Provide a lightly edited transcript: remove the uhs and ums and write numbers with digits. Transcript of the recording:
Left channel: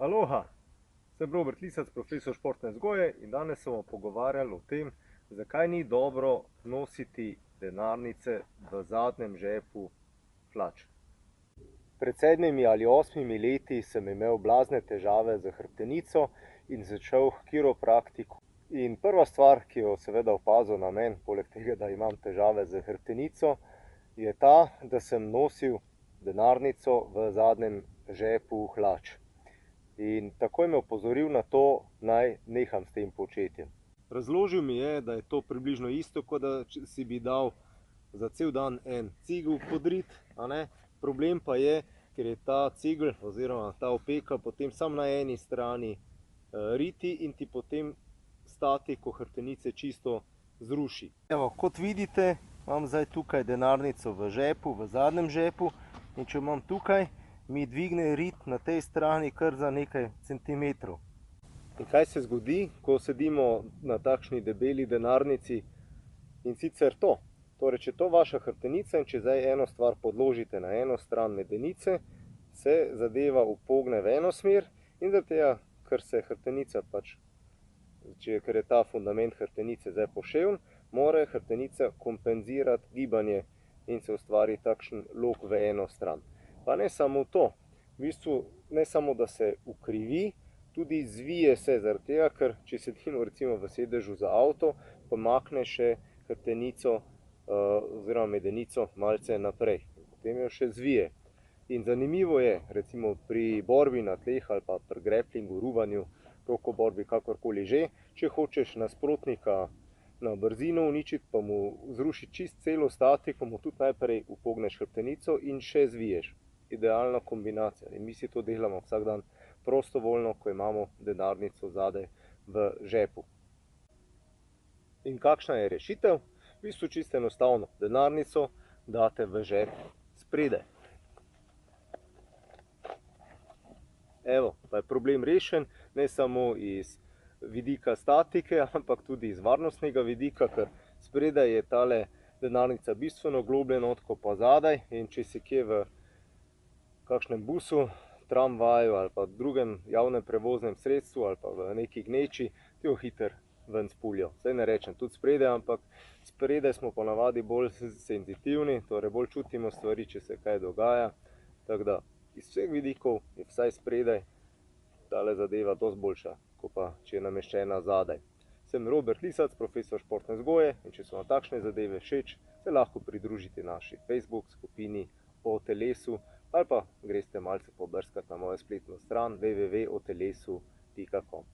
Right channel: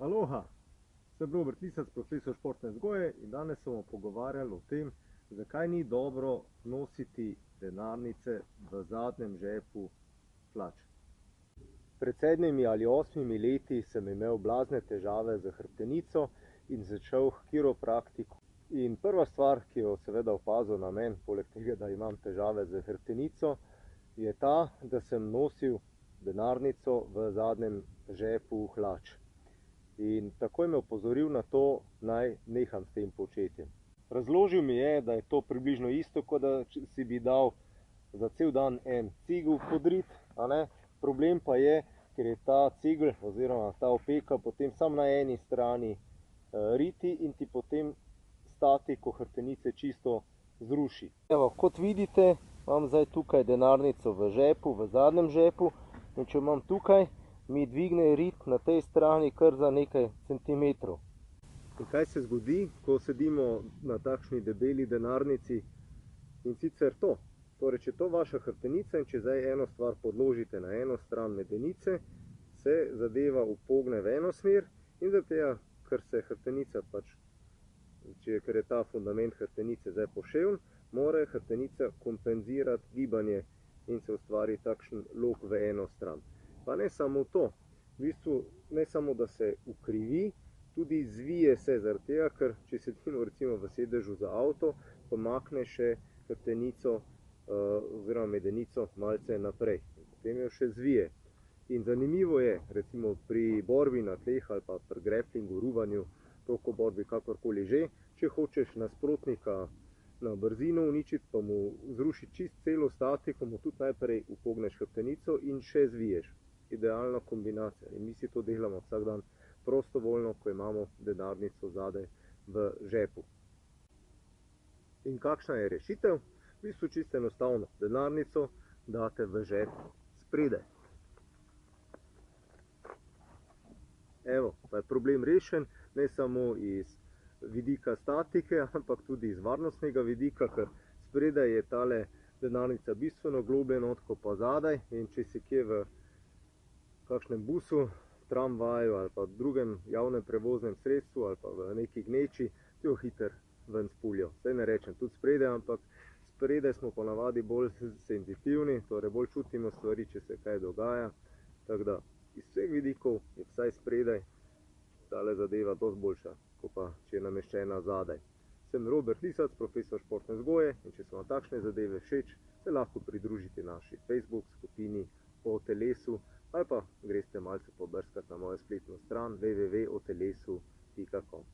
Aloha, sem Robert Lisac, profesor športne vzgoje in danes se bomo pogovarjali o tem, zakaj ni dobro nositi denarnice v zadnjem žepu hlač. Pred 7 ali 8 leti sem imel blazne težave z hrbtenico in začel k kiropraktiku. In prva stvar, ki jo seveda opazil na meni, poleg tega, da imam težave z hrbtenico, je ta, da sem nosil denarnico v zadnjem žepu hlač. In takoj me opozoril na to, naj neham s tem početjem. Razložil mi je, da je to približno isto, kot da si bi dal za cel dan en cigel podrit, Problem pa je, ker je ta cigel oziroma ta opeka potem samo na eni strani riti in ti potem statiko hrbtenice čisto zruši. Evo, kot vidite, imam zdaj tukaj denarnico v žepu, v zadnjem žepu, in če imam tukaj, mi dvigne rit na tej strani kar za nekaj centimetrov. In kaj se zgodi, ko sedimo na takšni debeli denarnici? In sicer to. Torej, če je to vaša hrbtenica in če zdaj eno stvar podložite na eno stran medenice, se zadeva upogne v eno smer in zaradi tega, ker se hrbtenica ker je ta fundament hrbtenice zdaj poševn, mora hrbtenica kompenzirati gibanje in se ustvari takšen lok v eno stran. Pa ne samo to, v bistvu ne samo, da se ukrivi, tudi zvije se zaradi tega, ker če sedimo recimo v sedežu za avto, pomakne še hrbtenico oziroma medenico malce naprej. Potem jo še zvije. In zanimivo je, recimo pri borbi na tleh ali pa pri greplingu, ruvanju, rokoborbi, kakorkoli že, če hočeš nasprotnika na brzino uničiti, pa mu zrušiti čist celo statiko, mu tudi najprej upogneš hrbtenico in še zviješ. Idealna kombinacija. In mi si to delamo vsak dan prostovoljno, ko imamo denarnico zadaj v žepu. In kakšna je rešitev? V bistvu čisto enostavno. Denarnico date v žep spredaj. Evo, pa je problem rešen, ne samo iz vidika statike, ampak tudi iz varnostnega vidika, ker spredaj je tale denarnica bistveno globlje not kot pa zadaj, in če si kje v kakšnem busu, tramvaju ali pa drugem javnem prevoznem sredstvu ali pa v neki gneči, ti jo hitro ven spuljo. Saj ne rečem tudi spredaj, ampak spredaj smo ponavadi bolj senzitivni, torej bolj čutimo stvari, če se kaj dogaja. Tako da iz vseh vidikov je vsaj spredaj tale zadeva dosti boljša, kot pa če je nameščena zadaj. Sem Robert Lisac, profesor športne vzgoje, in če so vam takšne zadeve všeč, se lahko pridružite naši Facebook skupini O telesu ali pa greste malce pobrskati na mojo spletno stran www.otelesu.com.